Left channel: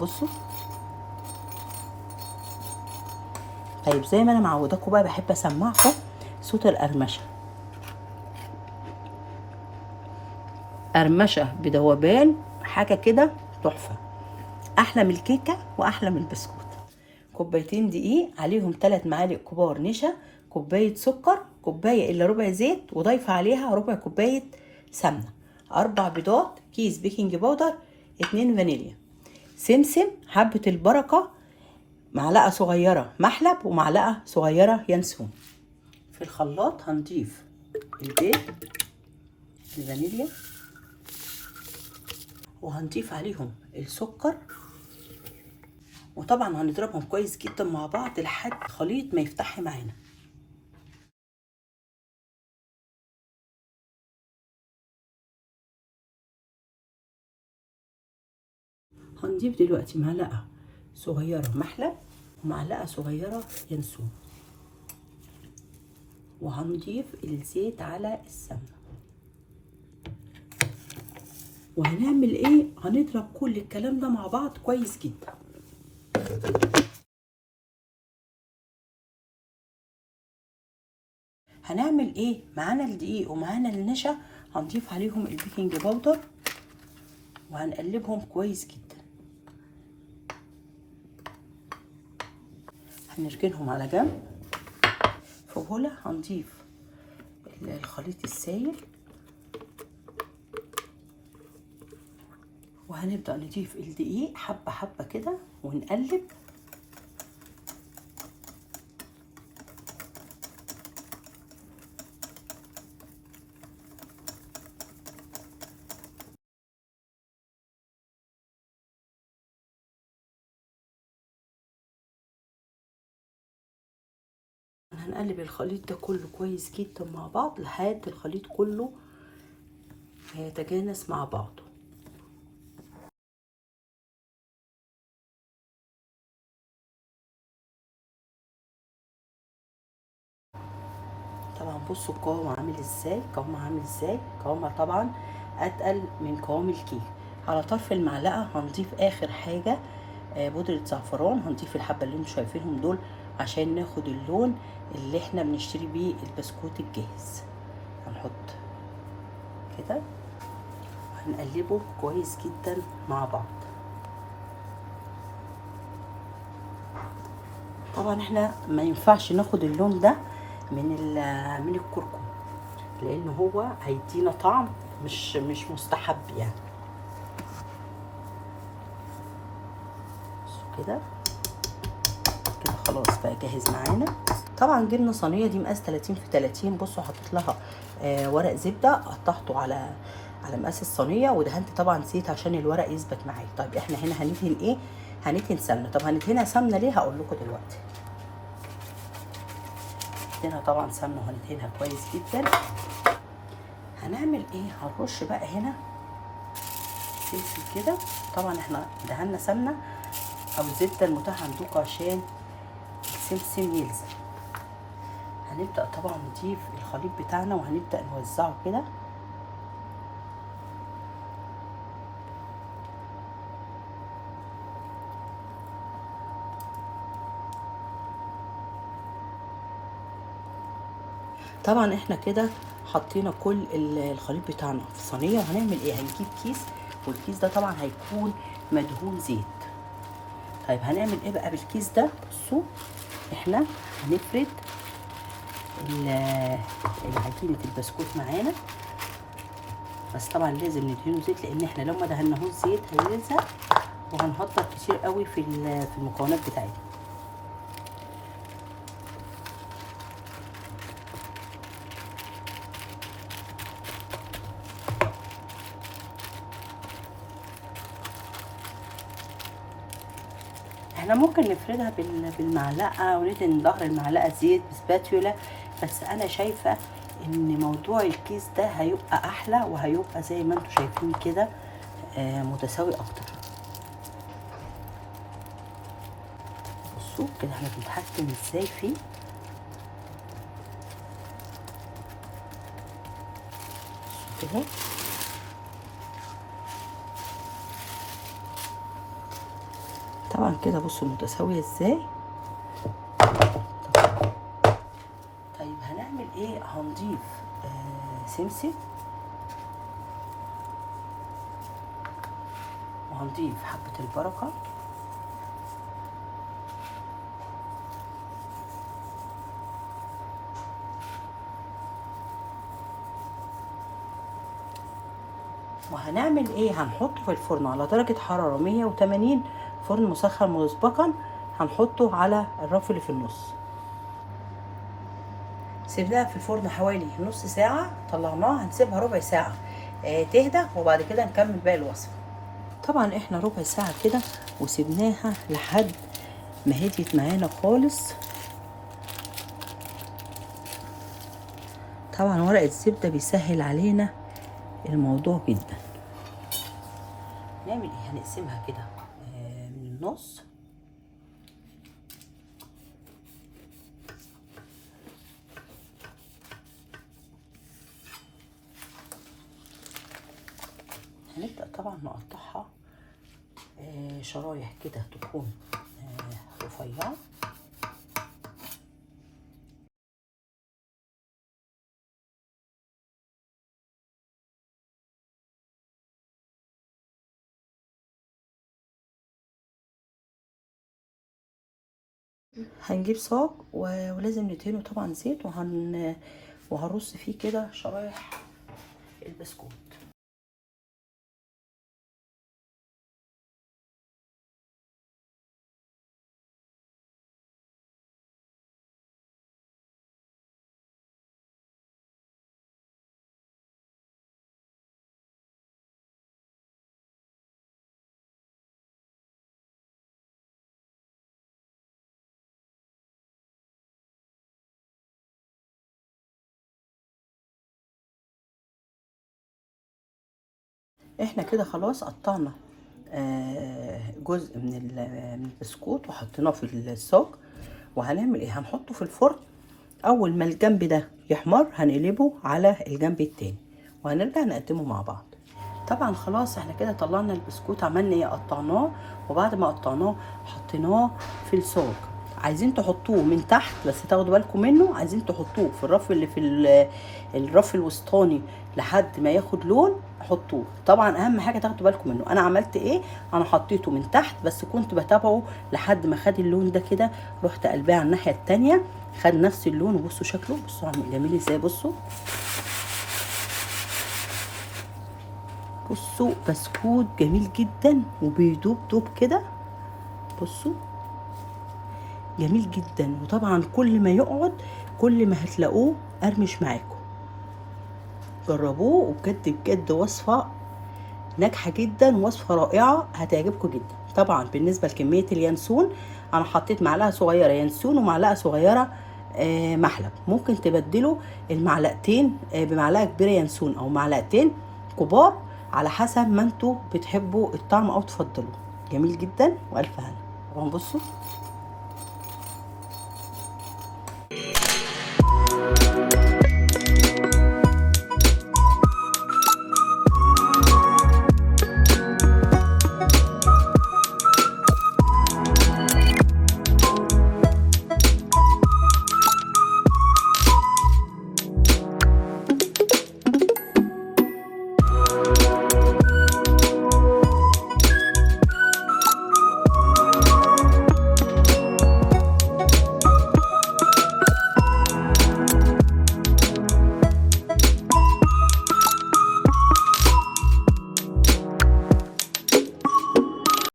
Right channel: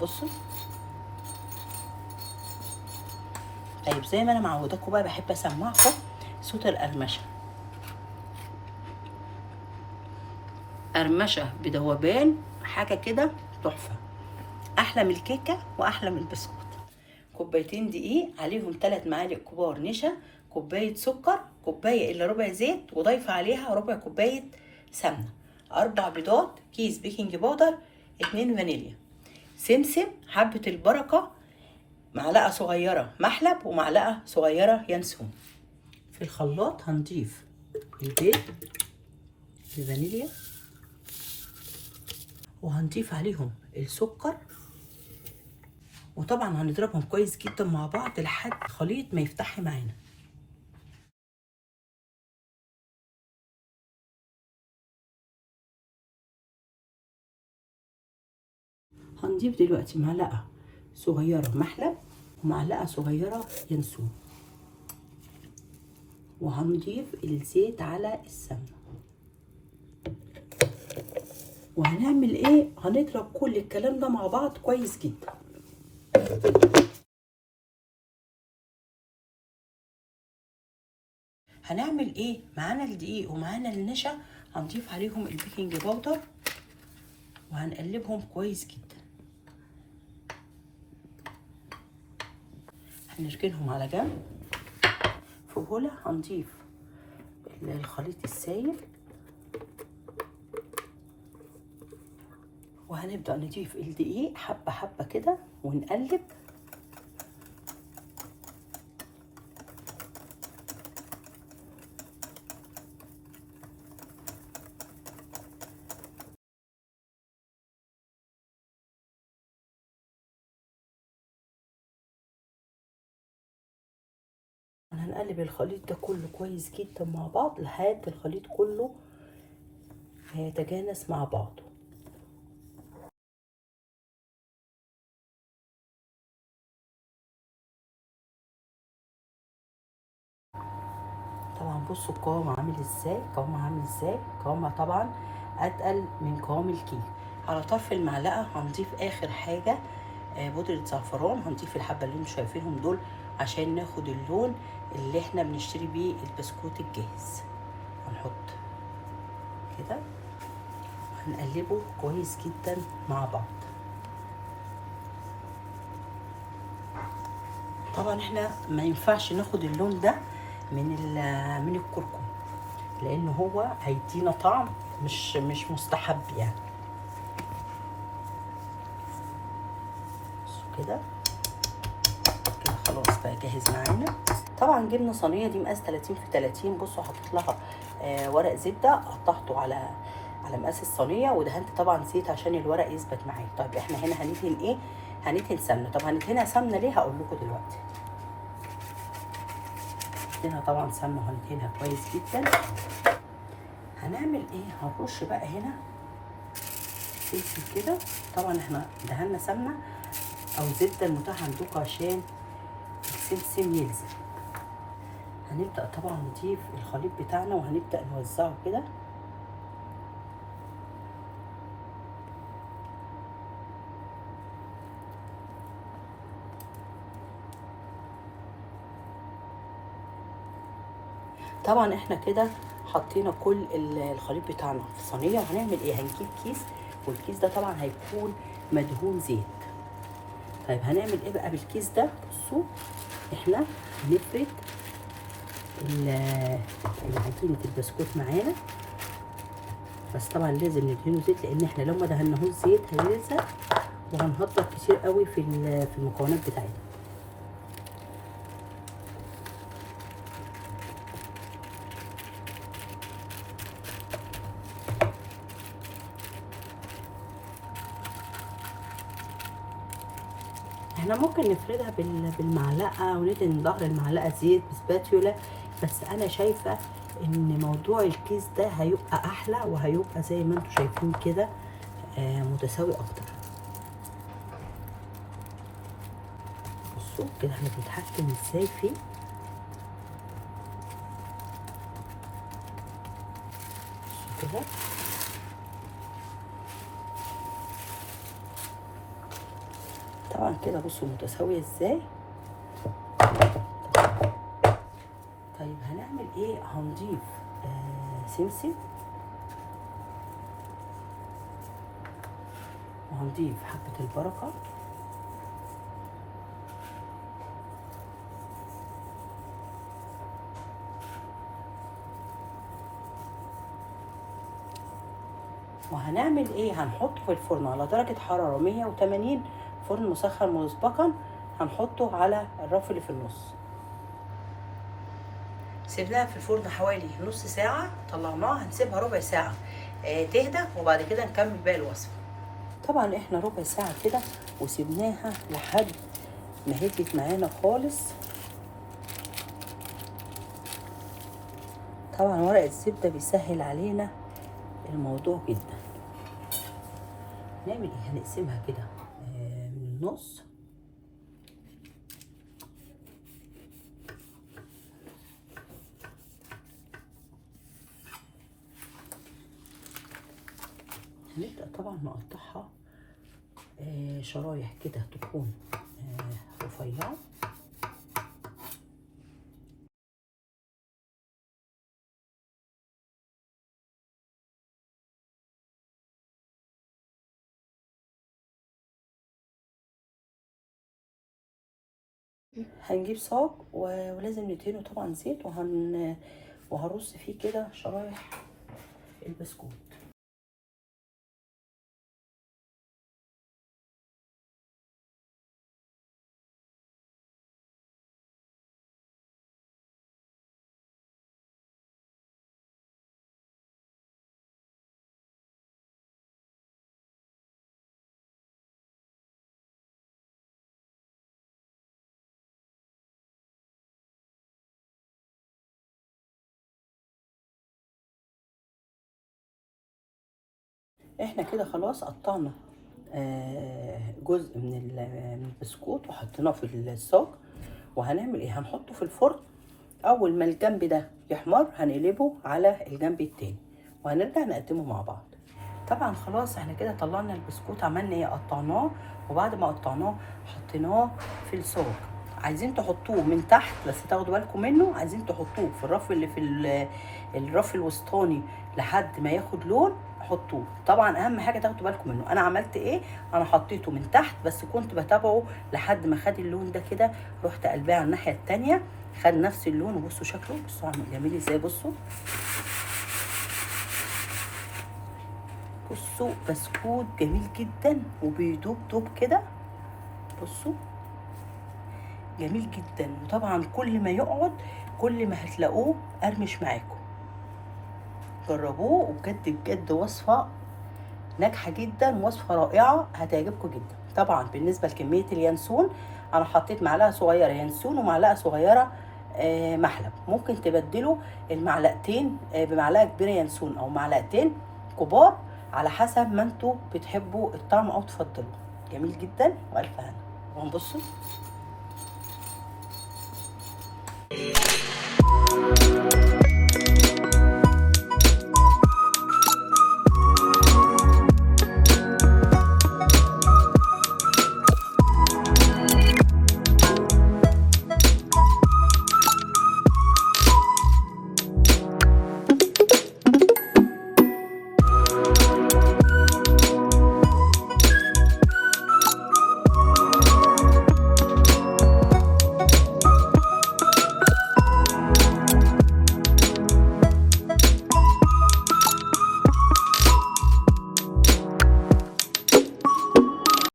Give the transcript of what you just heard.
بصوا. طيب زي ما انا معوداكم بقى بحب اسمعكم صوت القرمشه. قرمشه بذوبان، حاجه كده تحفه، احلى من الكيكه واحلى من البسكوت. كوبايتين دقيق، عليهم 3 معالق كبار نشا، كوبايه سكر، كوبايه الا ربع زيت، وضايفه عليها ربع كوبايه سمنه، 4 بيضات، كيس بيكنج باودر، 2 فانيليا، سمسم، حبه البركه، معلقه صغيره محلب، ومعلقه صغيره ينسون. في الخلاط هنضيف البيض، الفانيليا، وهنضيف عليهم السكر، وطبعا هنضربهم كويس جدا مع بعض لحد الخليط ما يفتح معانا. هنضيف دلوقتي معلقه صغيره محلب، ومعلقه صغيره ينسون، وهنضيف الزيت على السمنه. وهنعمل ايه؟ هنضرب كل الكلام ده مع بعض كويس جدا. هنعمل ايه؟ معانا الدقيق ومعانا النشا، هنضيف عليهم البيكنج باودر وهنقلبهم كويس جدا. هنركنهم على جنب. في بوله هنضيف الخليط السائل، وهنبدأ نضيف الدقيق حبة حبة كده ونقلب. هنقلب الخليط ده كله كويس جدا مع بعض لحد الخليط كله هيتجانس مع بعضه. طبعا بصوا القوام عامل ازاي، قوامها طبعا اتقل من قوام الكيك. على طرف المعلقه هنضيف اخر حاجه بودره زعفران، هنضيف الحبه اللي انتم شايفينهم دول عشان ناخد اللون اللي احنا بنشتري بيه البسكوت الجاهز. هنحط كده، هنقلبه كويس جدا مع بعض. طبعا احنا ما ينفعش ناخد اللون ده من الكركم، لان هو هيدينا طعم مش مستحب يعني. كده كده خلاص بقى جاهز معانا. طبعا جبنا صينيه دي مقاس 30 في 30. بصوا حطيت لها ورق زبده، قطعته على مقاس الصينيه، ودهنت طبعا زيت عشان الورق يثبت معايا. طيب احنا هنا هندهن ايه؟ هندهن سمنه. طب هندهنها سمنه ليه؟ هقول لكم دلوقتي. هندهنها طبعا سمنه وهندهنها كويس جدا. هنعمل ايه؟ هنرش بقى هنا فلفل كده. طبعا احنا دهنا سمنه او الزبده المتاحه عندكم عشان السمسم يلزق. هنبدأ طبعا نضيف الخليط بتاعنا وهنبدأ نوزعه كده. طبعا احنا كده حطينا كل الخليط بتاعنا في صينيه. وهنعمل ايه؟ هنجيب كيس، والكيس ده طبعا هيكون مدهون زيت. طيب هنعمل ايه بقى بالكيس ده؟ بصوا احنا هنفرد عجينه البسكوت معانا، بس طبعا لازم ندهنه زيت، لان احنا لو ما دهناهوش زيت هيلزق وهنهدر كتير قوي في المكونات بتاعتنا. احنا ممكن نفردها بالمعلقه وندهن ظهر المعلقه زيت بسباتيولا، بس انا شايفه ان موضوع الكيس ده هيبقى احلى وهيبقى زي ما انتم شايفين كده متساوي اكتر. بصوا كده احنا بنتحكم ازاي فيه. كده طبعا كده بصوا متساويه ازاي. طيب هنعمل ايه؟ هنضيف سمسم، وهنضيف حبه البركه، وهنعمل ايه؟ هنحطه في الفرن على درجة حرارة 180، فرن مسخن مسبقا. هنحطه على الرف اللي في النص. سيبناها في الفرن حوالي نص ساعة، طلعناها. هنسيبها ربع ساعة تهدى، وبعد كده نكمل باقي الوصفة. طبعا احنا ربع ساعة كده وسيبناها لحد ما هديت معانا خالص. طبعا ورق الزبدة بيسهل علينا الموضوع جدا. نعمل ايه؟ هنقسمها كده من النص، هنبدأ طبعا نقطعها شرايح كده تكون رفيعة. هنجيب صاج ولازم ندهنه طبعا زيت، وهرص فيه كده شرايح البسكوت. احنا كده خلاص قطعنا جزء من البسكوت وحطيناه في الصاج. وهنعمل ايه؟ هنحطه في الفرن. اول ما الجنب ده يحمر هنقلبه على الجنب التاني، وهنرجع نقدمه مع بعض. طبعا خلاص احنا كده طلعنا البسكوت. عملنا ايه؟ قطعناه، وبعد ما قطعناه حطيناه في الصاج. عايزين تحطوه من تحت بس تاخدوا بالكم منه. عايزين تحطوه في الرف اللي في الرف الوسطاني لحد ما ياخد لون، حطوه. طبعا اهم حاجه تاخدوا بالكم منه. انا عملت ايه؟ انا حطيته من تحت بس كنت بتابعه لحد ما خد اللون ده كده، رحت قلباه على الناحيه التانيه خد نفس اللون. وبصوا شكله، بصوا عامل جميل ازاي. بصوا بصوا بسكوت جميل جدا وبيدوب دوب كده. بصوا جميل جدا. وطبعا كل ما يقعد كل ما هتلاقوه قرمش معاكم. جربوه، وبجد بجد وصفه ناجحه جدا، وصفه رائعه هتعجبكم جدا. طبعا بالنسبه لكميه اليانسون، انا حطيت معلقه صغيره ينسون ومعلقه صغيره محلب. ممكن تبدلوا المعلقتين بمعلقه كبيره ينسون، او معلقتين كبار على حسب ما انتوا بتحبوا الطعم او تفضلوا. جميل جدا والف هنا. وهنبصوا